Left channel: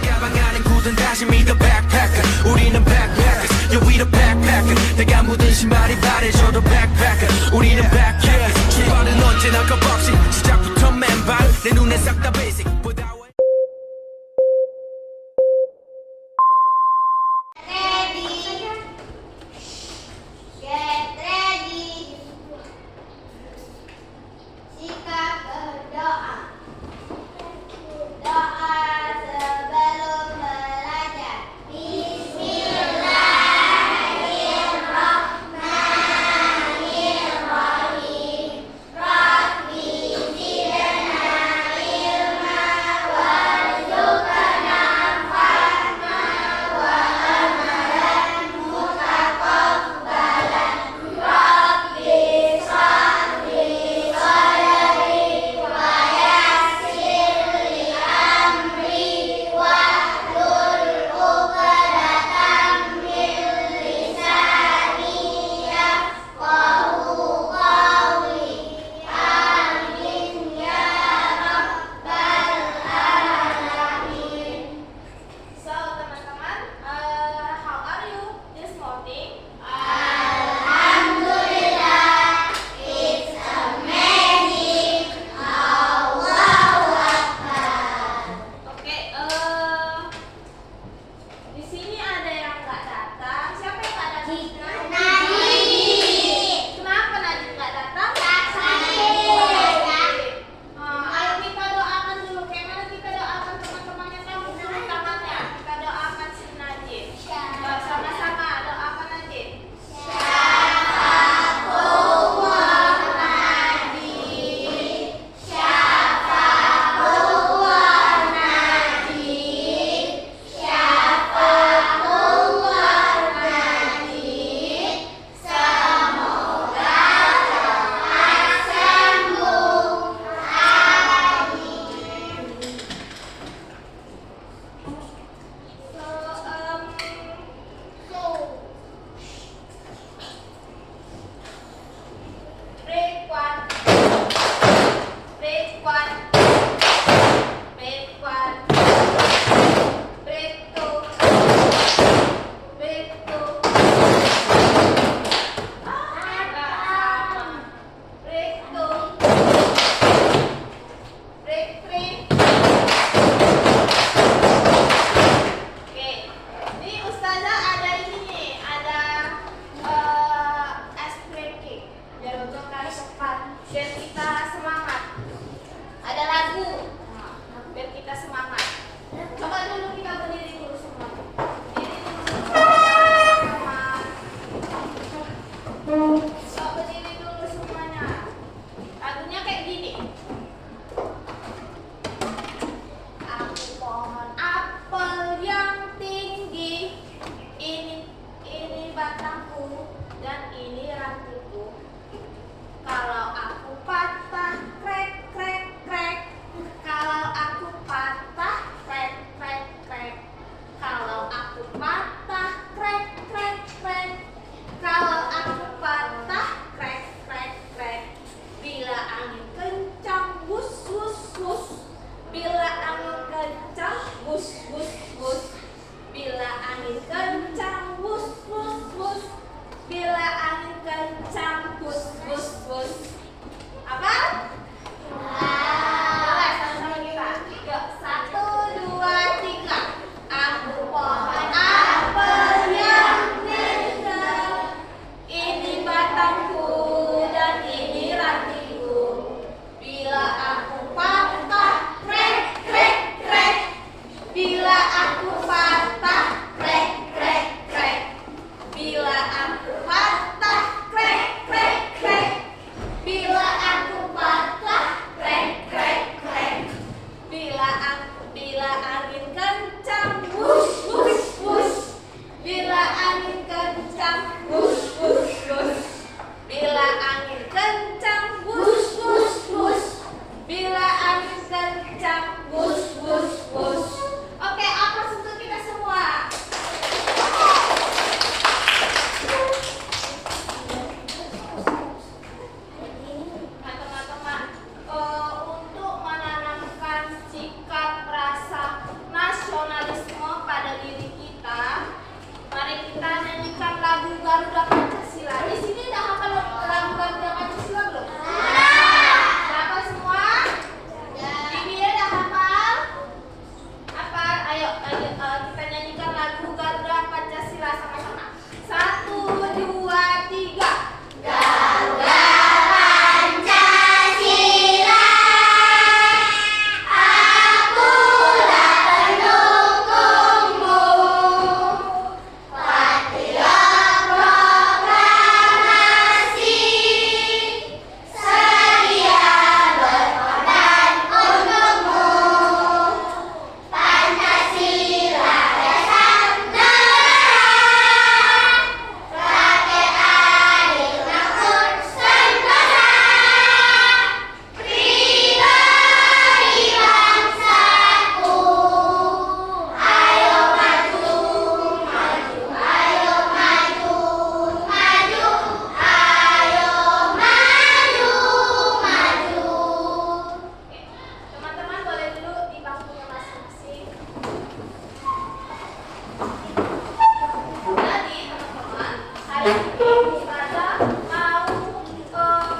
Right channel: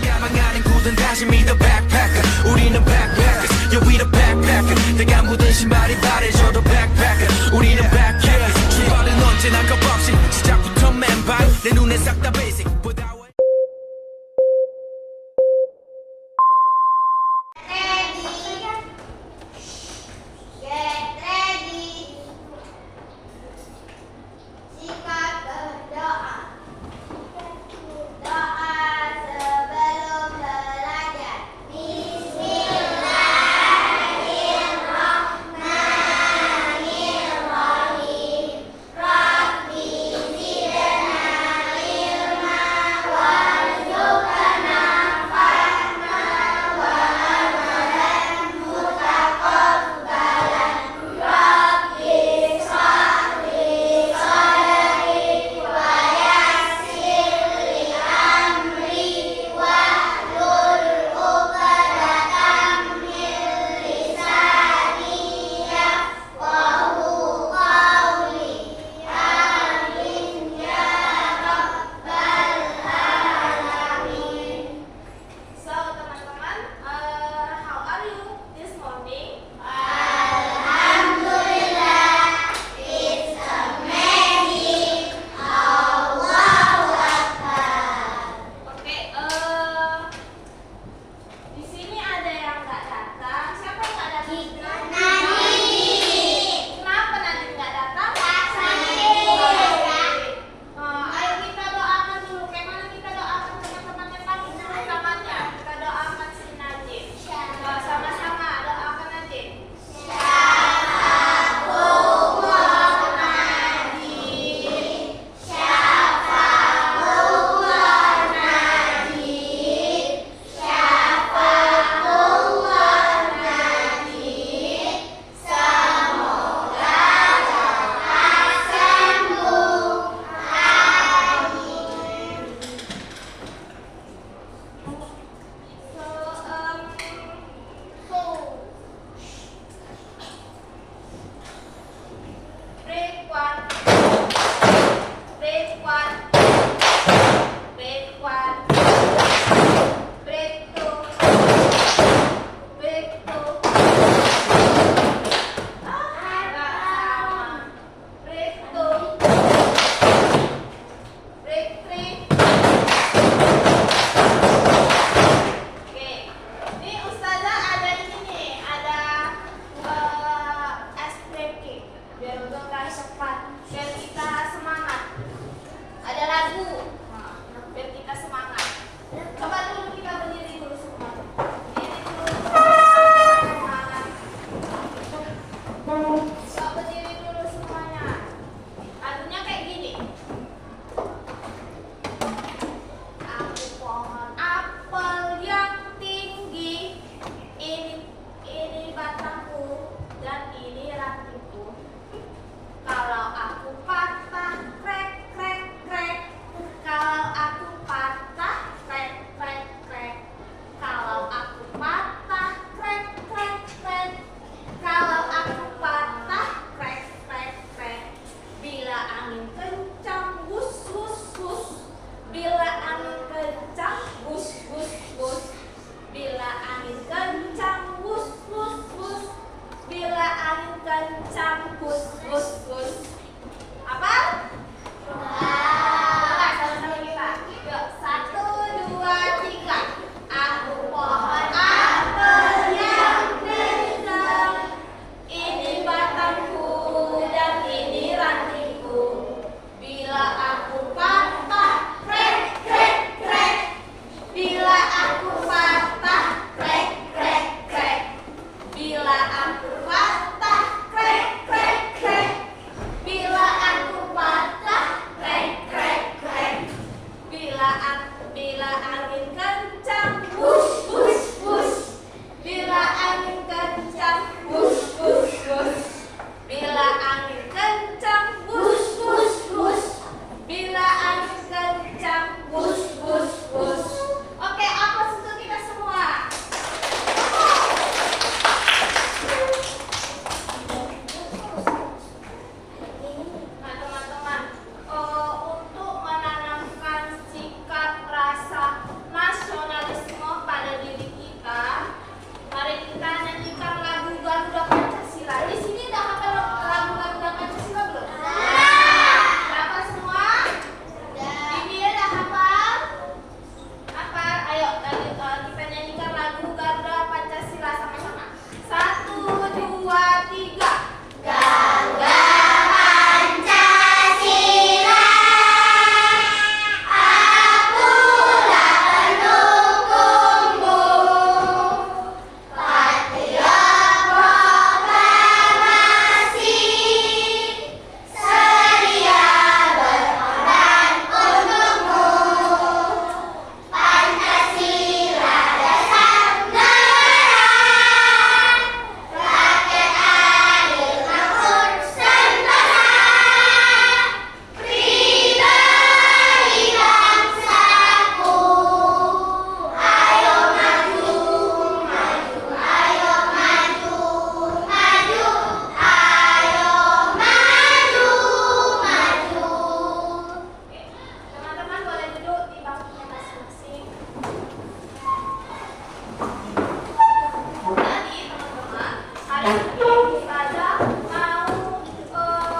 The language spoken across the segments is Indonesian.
가방 안엔 굳은 다짐이 the backpacker 우리는 backpackers yeah we the backpacker 내가 묻은 신발이 바래져도 backpacker 우리는 backpackers 출발은 언제나 겁없이 시작부터 맨발 내 눈에 싹 다 basic Ustazah mau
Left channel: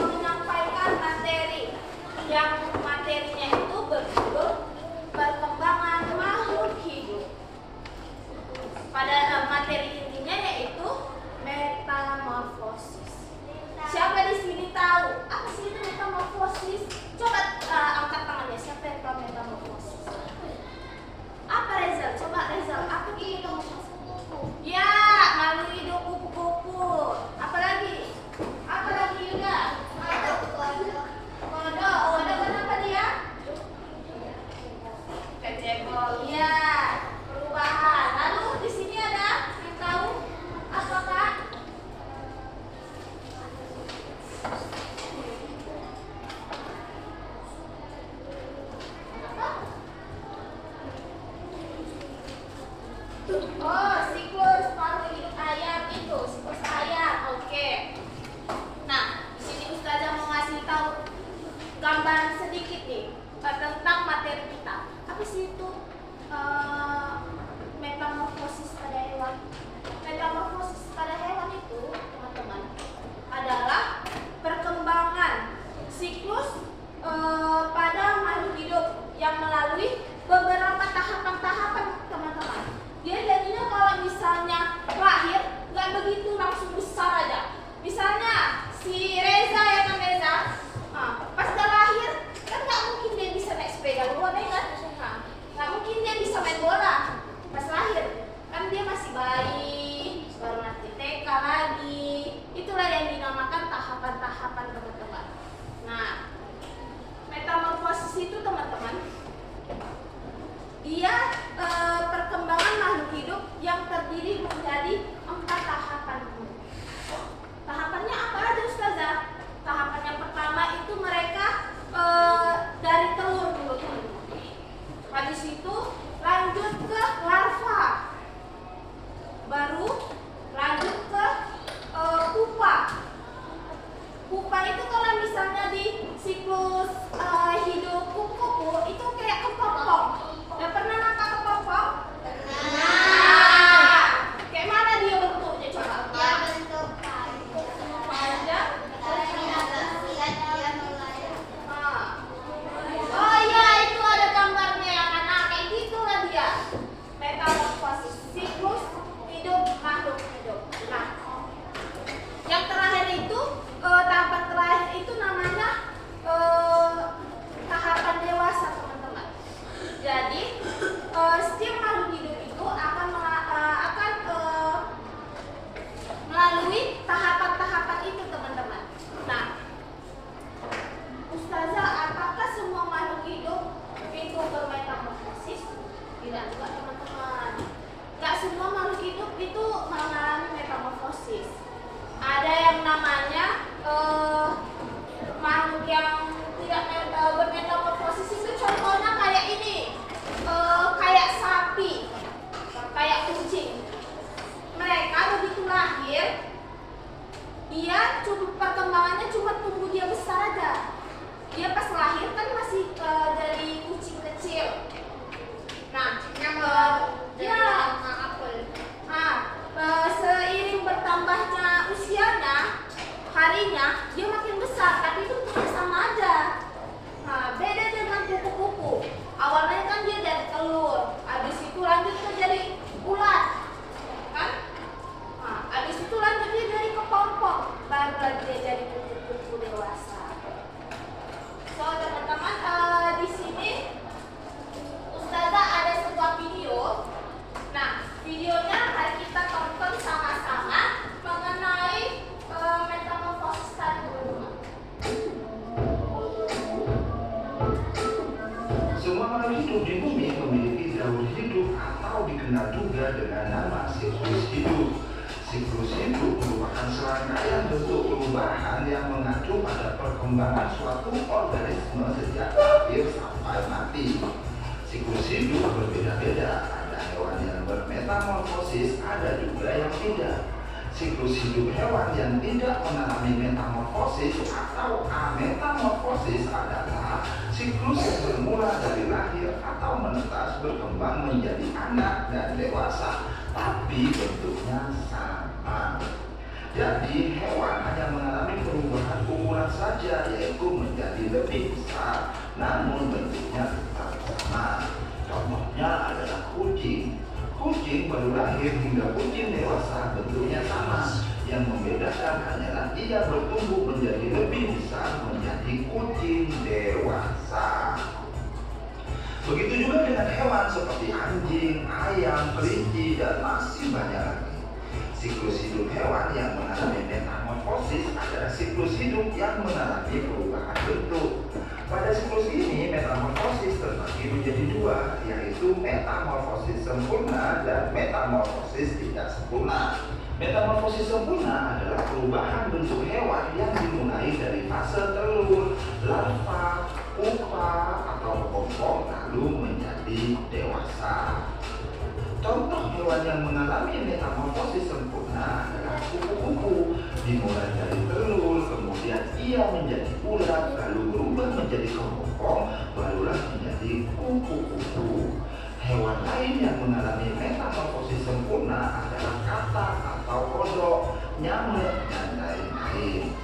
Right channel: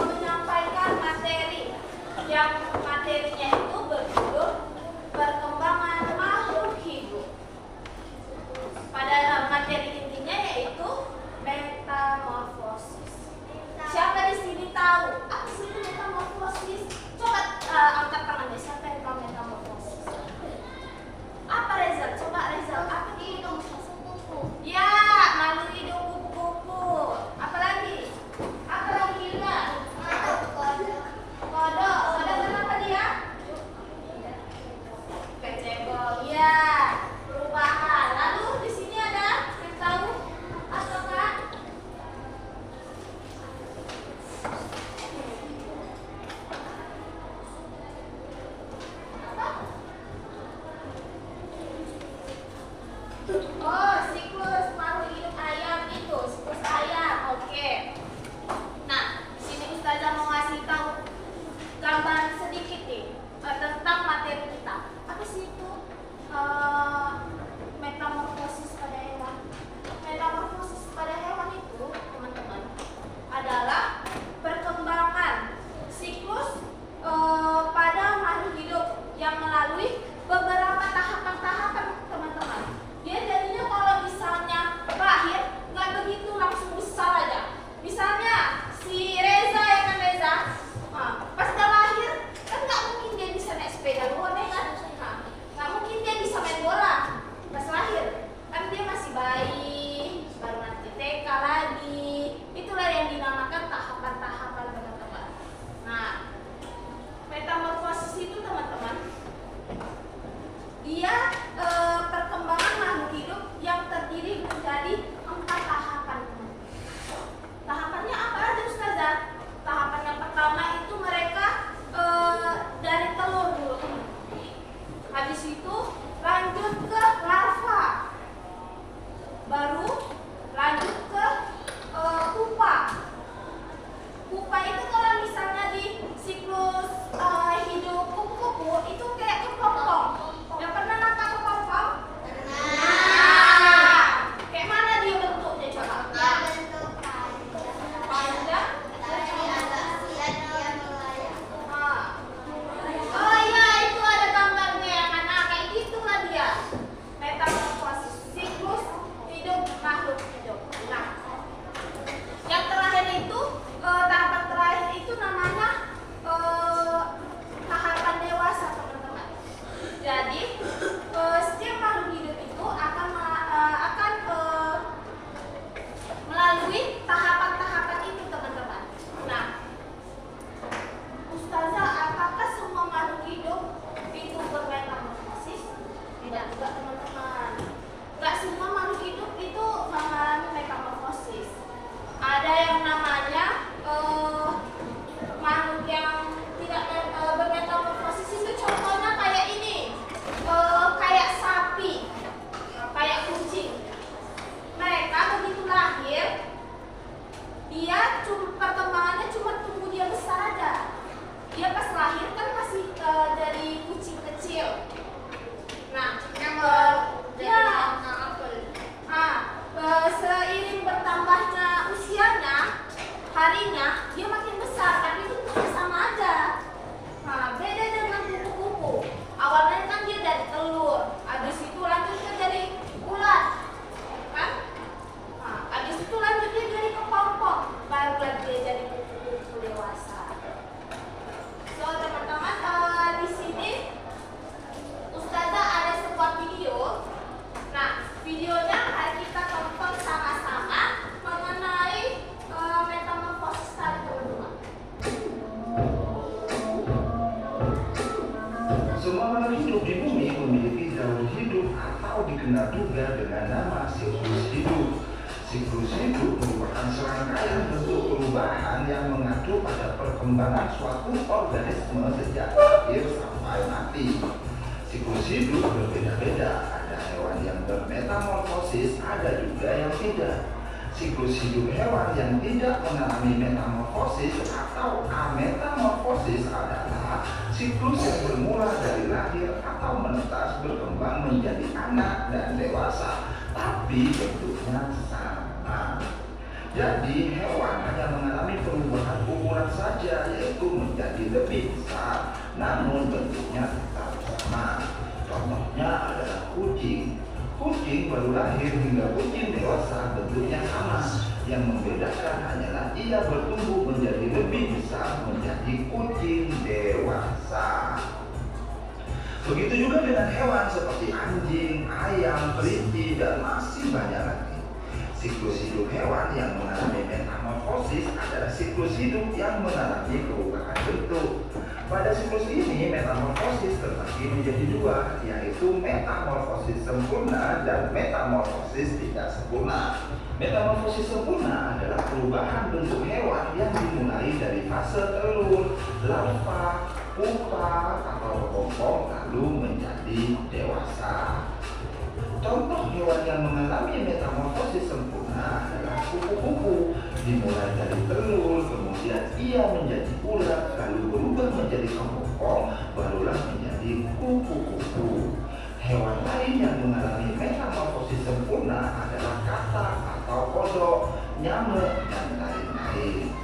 menyampaikan materi yang materinya itu berjudul perkembangan makhluk hidup. Pada materi intinya yaitu metamorfosis. Siapa di sini tahu apa sih itu metamorfosis? Coba angkat tangannya. Siapa yang tahu metamorfosis? Apa Rezal? Coba Rezal, apa itu metamorfosis? Ya, makhluk hidup kupu-kupu. Apalagi? Apalagi Yuda? Kodok. Kodok kenapa dia? Kecebol. Ya, perubahan. Lalu di sini ada yang tahu apa Kak? Apa? Oh, siklus makhluk hidup ayam itu, siklus ayam. Oke. Nah, sini Ustazah mau ngasih tahu gambaran sedikit nih tentang materi kita. Apa sih itu metamorfosis pada hewan? Metamorfosis pada hewan itu, teman-teman, adalah perkembangan siklus pada makhluk hidup yang melalui beberapa tahapan-tahapan, teman-teman. Dia jadinya kalau misalnya lahir nggak begitu langsung besar aja. Misalnya si Reza, ya kan Reza, pas udah lahir kan nggak mungkin dia bisa naik sepeda luar, ya kan? Nggak mungkin dia bisa main bola pas lahir, kan dia masih bayi, baru nanti TK lagi. Itulah yang dinamakan tahapan-tahapan, teman-teman. Nah, metamorfosis itu, teman-teman, dia perkembangan makhluk hidup yang terdiri menjadi 4 tahapan. Tahapannya apa aja Ustazah? Tahapan yang pertama itu mereka dari telur dulu. Habis itu lanjut ke larva. Baru lanjut ke pupa. Pupa itu kalau misalnya di siklus hidup kupu-kupu itu kayak kepompong. Yang pernah nangkap kepompong? Nah, kayak mana dia bentuknya coba? Panjang. Oh iya, itu ada gambarnya ya kan? Nah, kayak gitulah dia. Metamorfosis, siklus hidup makhluk hidup. Nah, yang terakhir itu tahapan terakhir itu namanya tahapan dewasa, teman-teman. Jadi setiap makhluk hidup itu akan melalui tahapan-tahapan itu, teman-teman. Nah, Ustazah, apakah semua makhluk hidup itu bermetamorfosis? Tidak juga, teman-teman. Gak semua makhluk hidup itu mengalami metamorfosis. Ada yang namanya makhluk yang tidak bermetamorfosis itu contohnya kayak ini, kayak sapi, kayak kucing. Mereka begitu lahir, dia perkembangannya cuma tunggu dia besar aja. Dia pas lahir kan masih dari kucing kecil. Nah, seiring bertambahnya usianya, harinya dia makin besar, tapi itu sama aja. Nah, beda dengan kupu-kupu. Awalnya kan dia dari telur, habis itu lanjut ke jadi ulat, kan? Nah, habis itu lanjut dia jadi kepompong, baru lagi dia jadi kupu-kupu dewasa. So, teman-teman, di sini Ustazah ada sebuah video. Nah, videonya akan kita tonton sama-sama mengenai metamorfosis tadi, teman-teman. Semua makhluk hidup di bumi memiliki jalur hidup atau dikenal juga dengan nama siklus hidup. Siklus hidup merupakan serangkaian bentuk perubahan yang mengacu pada perkembangan suatu organisme sejak lahir sampai mati. Siklus hidup berbeda-beda, ada hewan yang bermetamorfosis, ada juga yang tidak. Siklus hidup hewan yang tidak mengalami metamorfosis atau ametamorfosis adalah siklus yang bermula dari lahir atau menetas berkembang menjadi anak dan dewasa, tapi bentuknya sama. Jadi hewan hanya mengalami perubahan ukuran saja, yaitu menjadi lebih besar, namun bentuknya tetap sama. Contohnya adalah kucing. Kucing baru lahir hingga kucing dewasa bentuknya sama. Yang membedakan hanyalah ia bertumbuh menjadi lebih besar menjadi kucing dewasa. Begitu juga dengan hewan seperti anjing, ayam, kelinci, dan masih banyak lagi. Siklus hidup hewan yang mengalami metamorfosis adalah siklus hidup yang mengalami perubahan bentuk. Pada siklus ini, metamorfosis terbagi menjadi dua, yaitu metamorfosis sempurna dan metamorfosis tidak sempurna. Metamorfosis sempurna adalah perubahan bentuk hewan yang dimulai dari fase telur, larva, pupa, atau kepompong lalu menjadi dewasa. Contoh hewan yang mengalami metamorfosis sempurna adalah kupu-kupu. Dimulai dari telur, kemudian ia menjadi ulat, lalu berubah menjadi kepompong, barulah menjadi kupu-kupu. Hewan lain yang mengalami metamorfosis sempurna adalah katak atau kodok, nyamuk, dan lain-lain.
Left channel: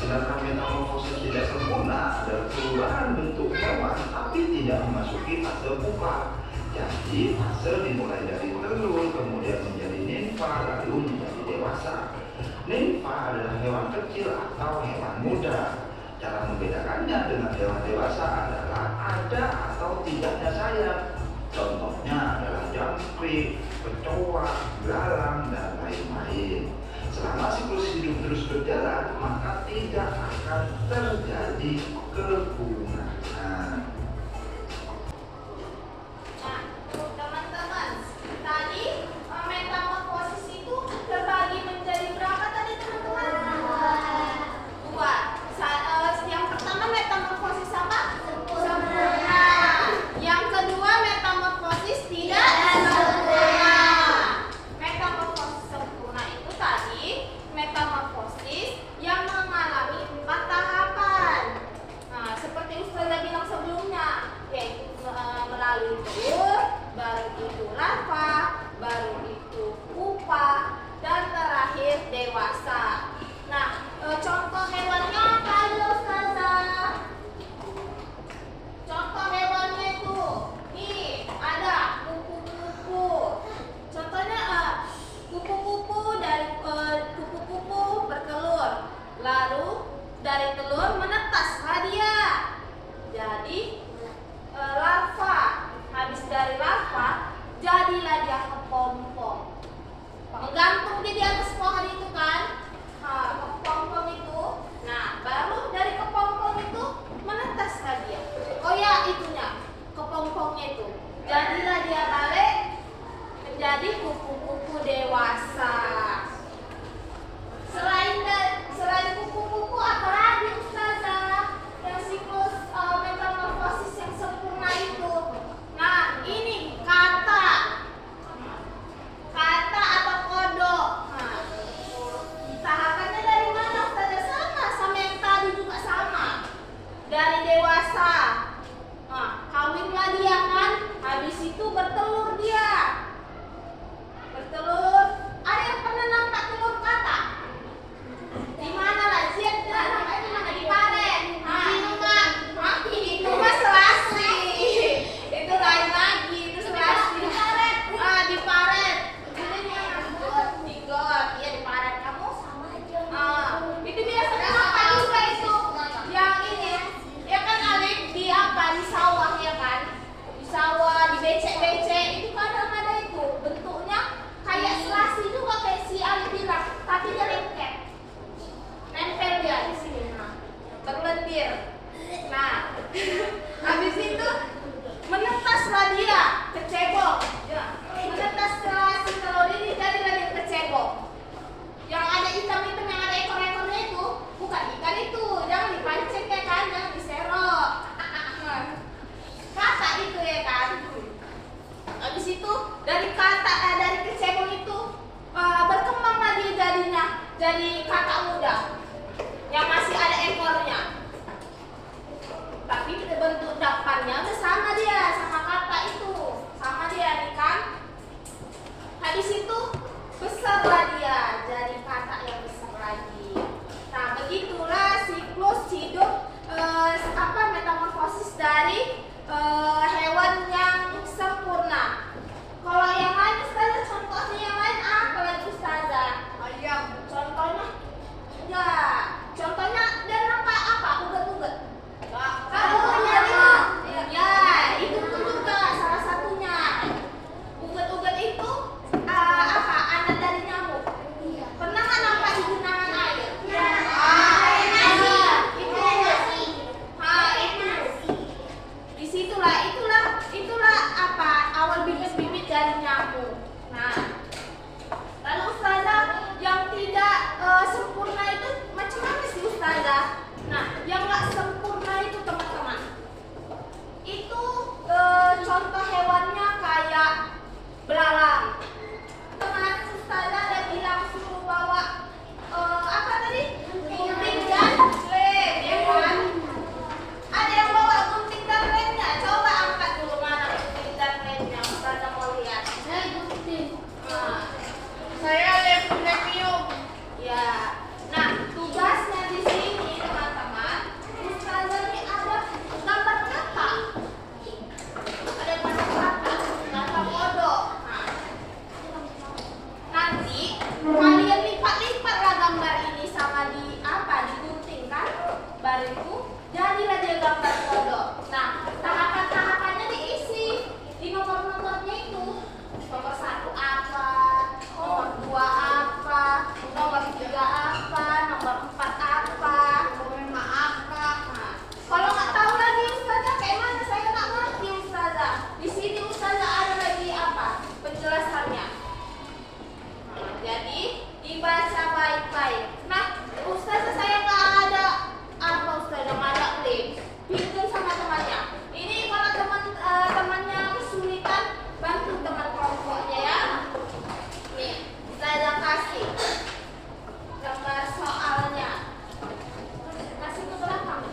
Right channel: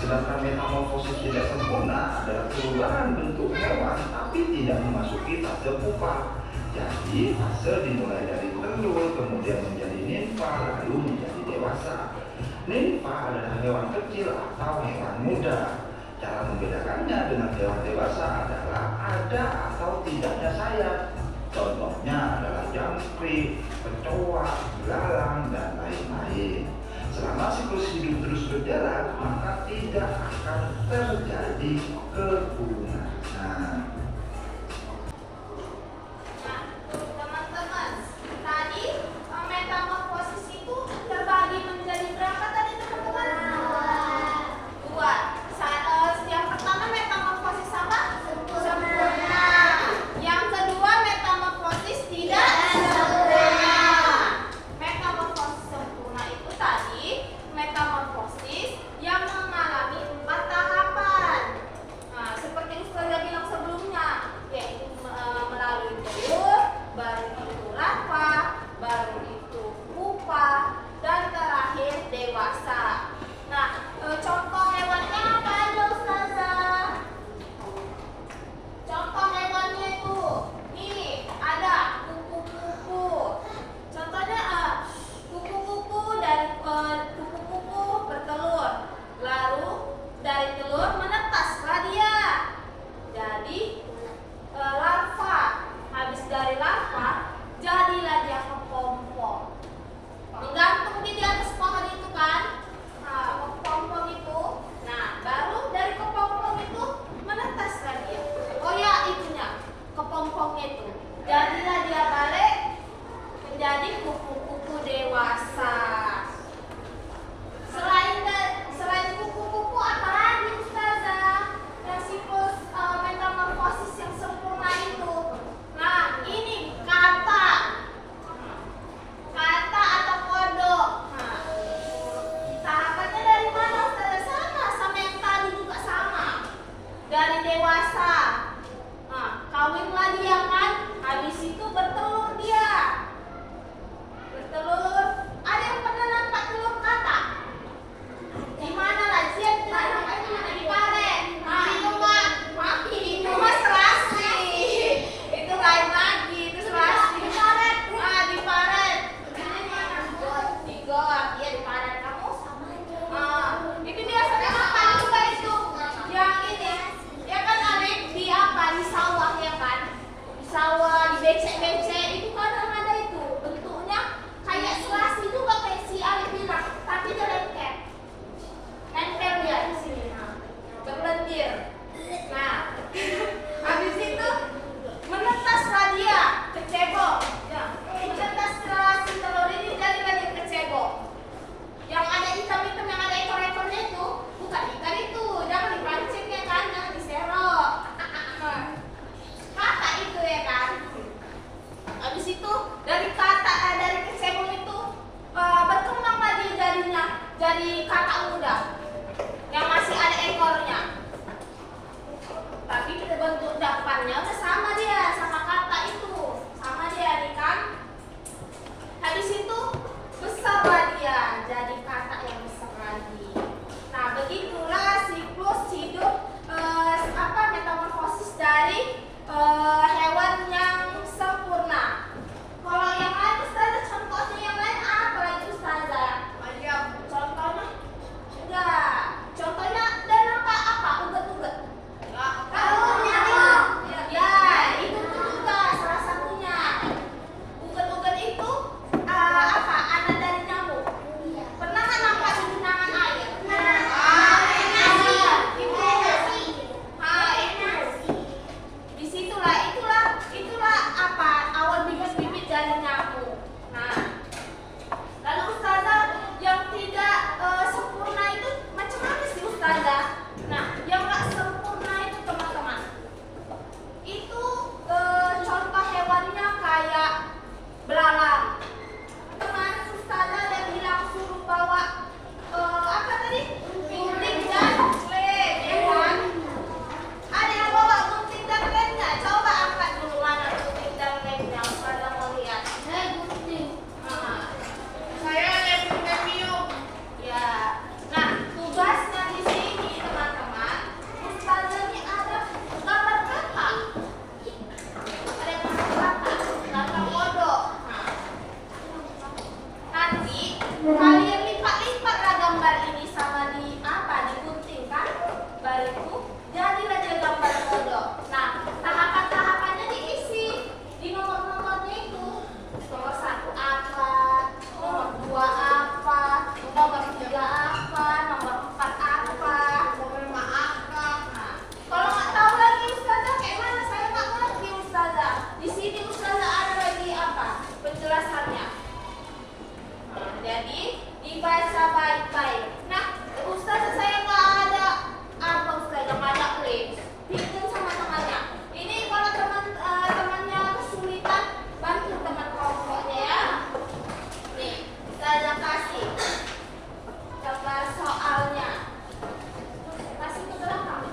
Sedangkan metamorfosis tidak sempurna adalah perubahan bentuk hewan tapi tidak memasuki fase pupa. Jadi fase dimulai dari telur, kemudian menjadi nimfa, lalu menjadi dewasa. Nimfa adalah hewan kecil atau hewan muda. Cara membedakannya dengan hewan dewasa adalah ada atau tidaknya sayap. Contohnya adalah jangkrik, kecoa, belalang, dan lain-lain. Selama siklus hidup terus berjalan, maka tidak akan terjadi kepunahan. Jadi kakak muda yang masih ada ekornya, tapi bentuk depannya udah sama dia, sama kakak itu, sama dia nih kan. Habis itu besarlah dia jadi kakak yang besar. Kalian lipat-lipatlah gambar ini sama digunting kan? Baru jadilah dia gambar kodok. Nah, tahapan-tahapannya diisi di nomor-nomornya itu. Nomor 1 apa, nomor 2 apa, nomor 3 apa, nomor 4 apa, nomor 5 apa. Nah, kalau nggak tahu lagi Ustazah, kayak mana? Saya nggak ngerti Ustazah. Di sini Ustazah ada lagi apa? Penjelasannya. Nah, jadi dibaca baik-baik. Nah, Ustazah saya nggak ada apa Ustazah, nggak ada link. Pinjam sama temannya. Ini kalau temannya kesulitan, bantu teman kelompoknya ya. Nih, Ustazah kasih gambar soalnya. Kasih ke belakang.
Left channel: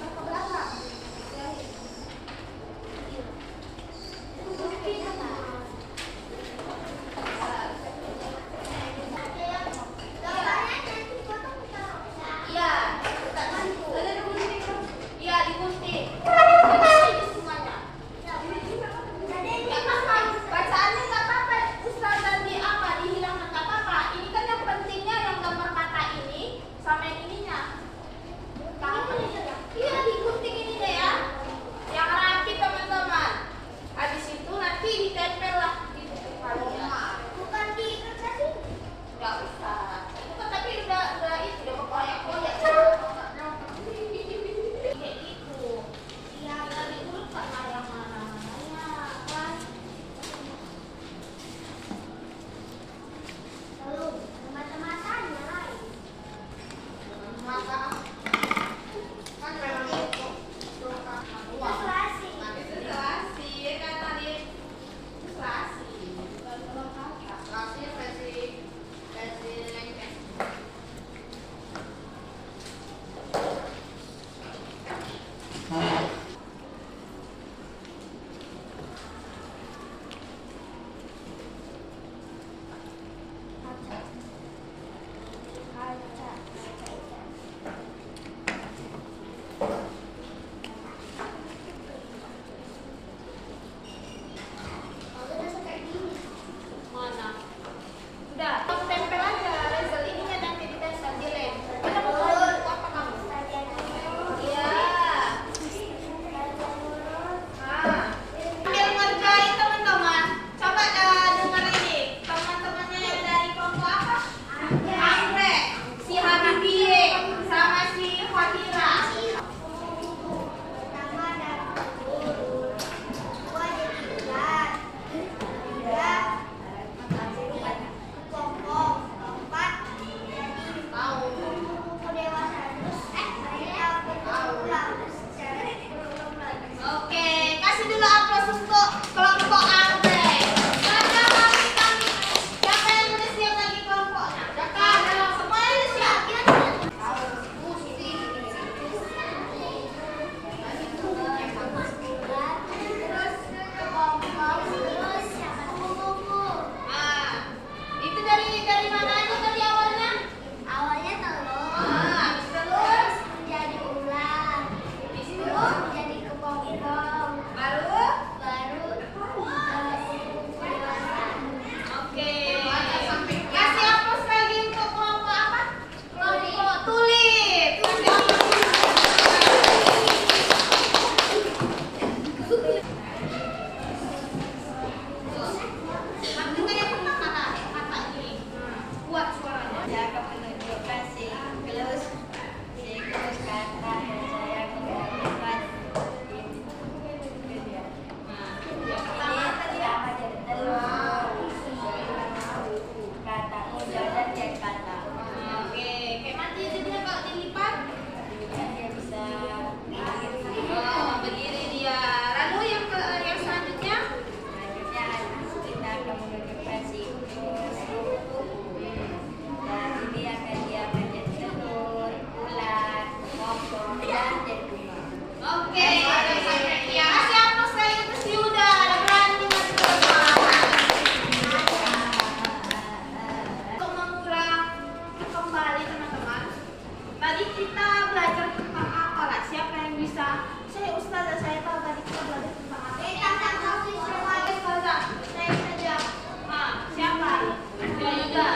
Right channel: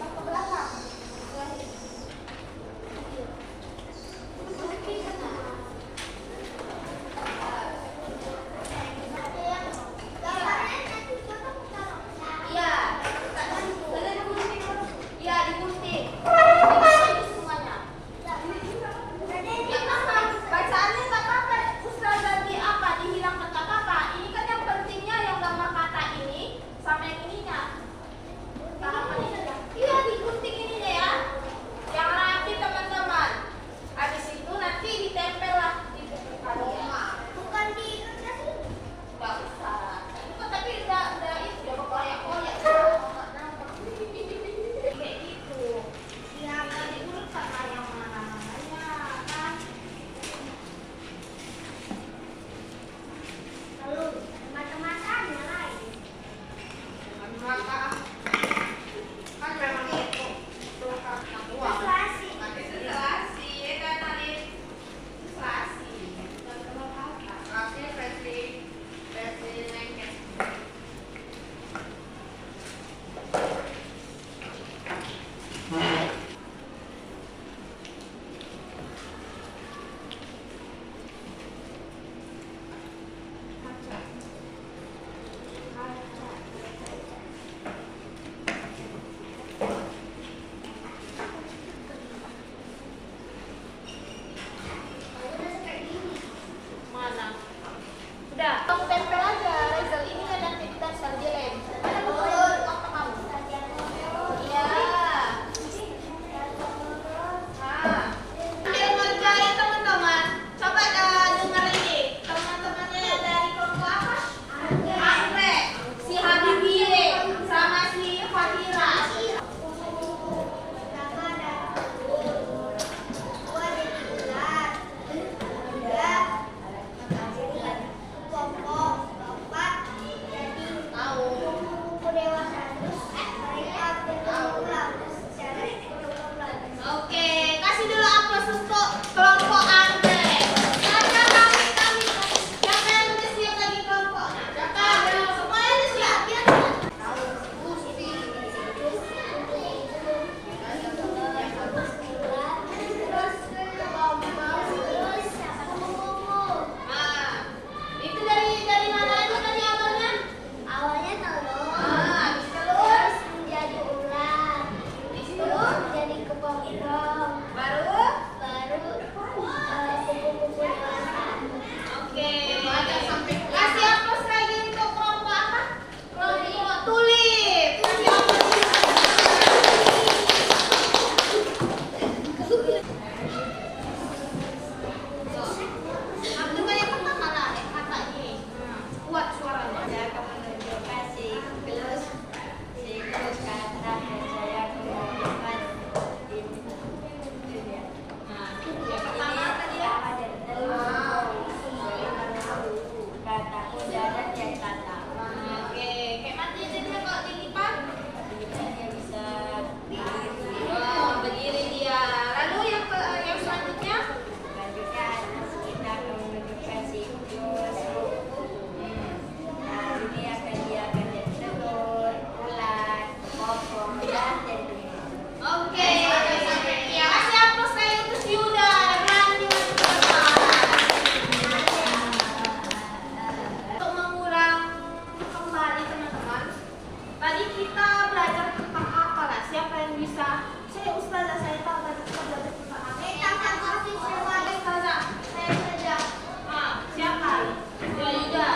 Ke belakang. Iya, iya digunting. Ini semuanya. Nggak apa-apa, bacaannya nggak apa-apa. Ustazah di apa dihilangkan nggak apa-apa. Ini kan yang pentingnya yang gambar kata ini sama yang ininya. Iya digunting ininya ya. Yang rapi teman-teman. Habis itu nanti ditempel lah di buku kalian. Bukan diikat lagi? Nggak usah. Itu kan tapi udah itu udah berkoyak-koyak. Kayak gitu. Iya, nanti dulu sama yang mana-mananya kan. Lalu mata-matanya lain. Mata kan memang itu tuh karena uang. Inflasi ya kan tadi inflasi. Inflasi versi lengket. Mana? Udah, kamu tempel aja. Rizal ini kan nanti ditempel di lem. Mana bukunya? Apa kamu? Iya. Sambil ngerjain teman-teman, coba dengar ini. Teman-temannya yang dari kelompok apa? Anggrek, si Habibie, sama si Fatira. Oke, kasih dulu aplaus untuk kelompok anggrek. Siapa yang udah siap lagi kelompoknya? Semuanya udah siap? Nah, itu dari mana aja tadi awalnya? Awalnya telur, Habis terus jadi ular, di situ jadi kepong-kepong, baru. kupu-kupu dewasa. Oke. Kasih aplaus lagi untuk kelompok apa? Kelompok tulip. Kasih aplaus. Ambil yang pertama lah, yang kata ini. Kuat suaranya. Saya akan menunjukkan siklus kata dan saya akan menunjukkan ini dia. Nah, yang pertama tadi ya. Pertama jadi telur, kata udah dan dia kata. Oke, kayak nanti itu dia kalau dilipat. Artinya dia bisa berdiri. Oh, berdiri dia. Lalu yang selanjutnya? Selanjutnya kita akan menunjukkan siklus. Dan ini dia akan jadi telur, ular, pokok dan jadi bunga. Oke. Kasih aplaus lagi untuk si Yuda. Ada berani masuk ke depan. Untuk mengulang kembali teman-teman. Tadi kita belajar tentang apa? bahas. Siapa yang bisa? Saya Ustazah, saya tahu tadi kita belajar tentang apa. Ustazah, saya saja. Siapa? Ya Yuda.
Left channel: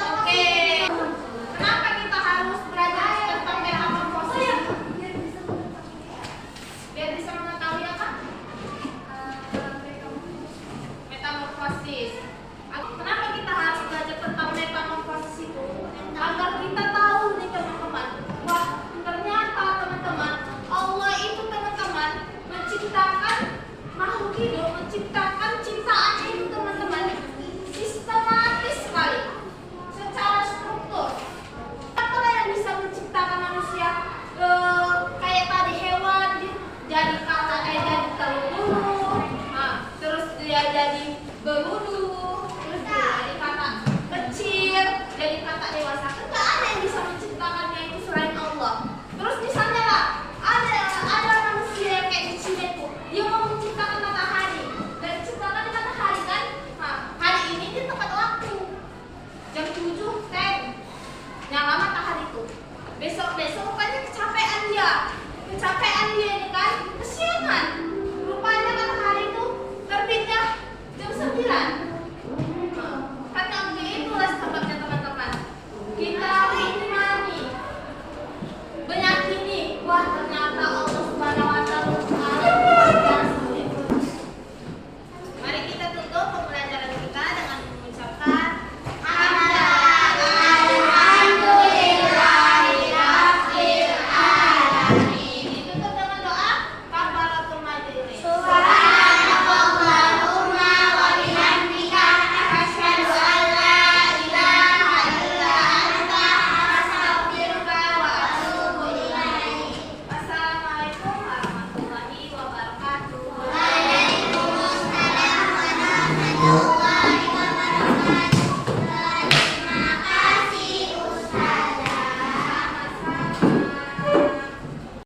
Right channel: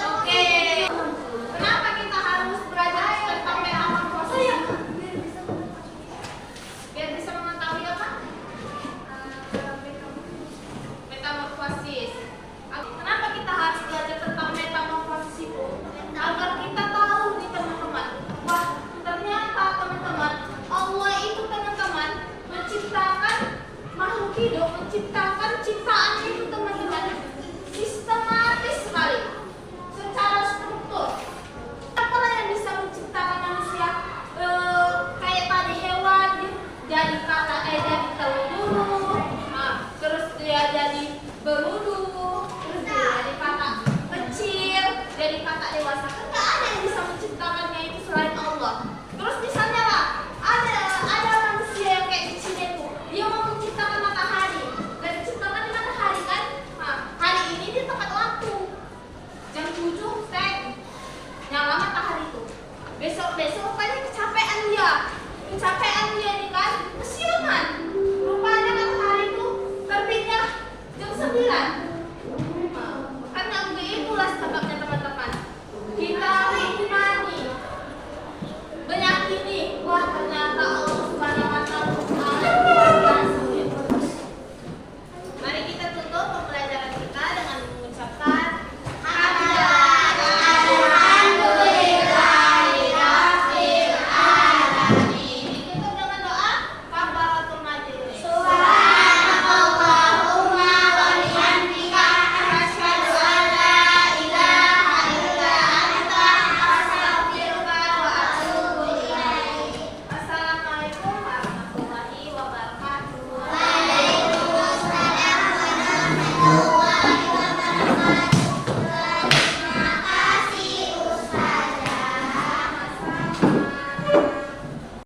Oke. Kenapa kita harus belajar tentang metamorfosis? Biar bisa mengetahui apa? Metamorfosis. Kenapa kita harus belajar tentang metamorfosis itu? Agar kita tahu nih teman-teman, wah ternyata teman-teman Allah itu teman-teman menciptakan makhluk hidup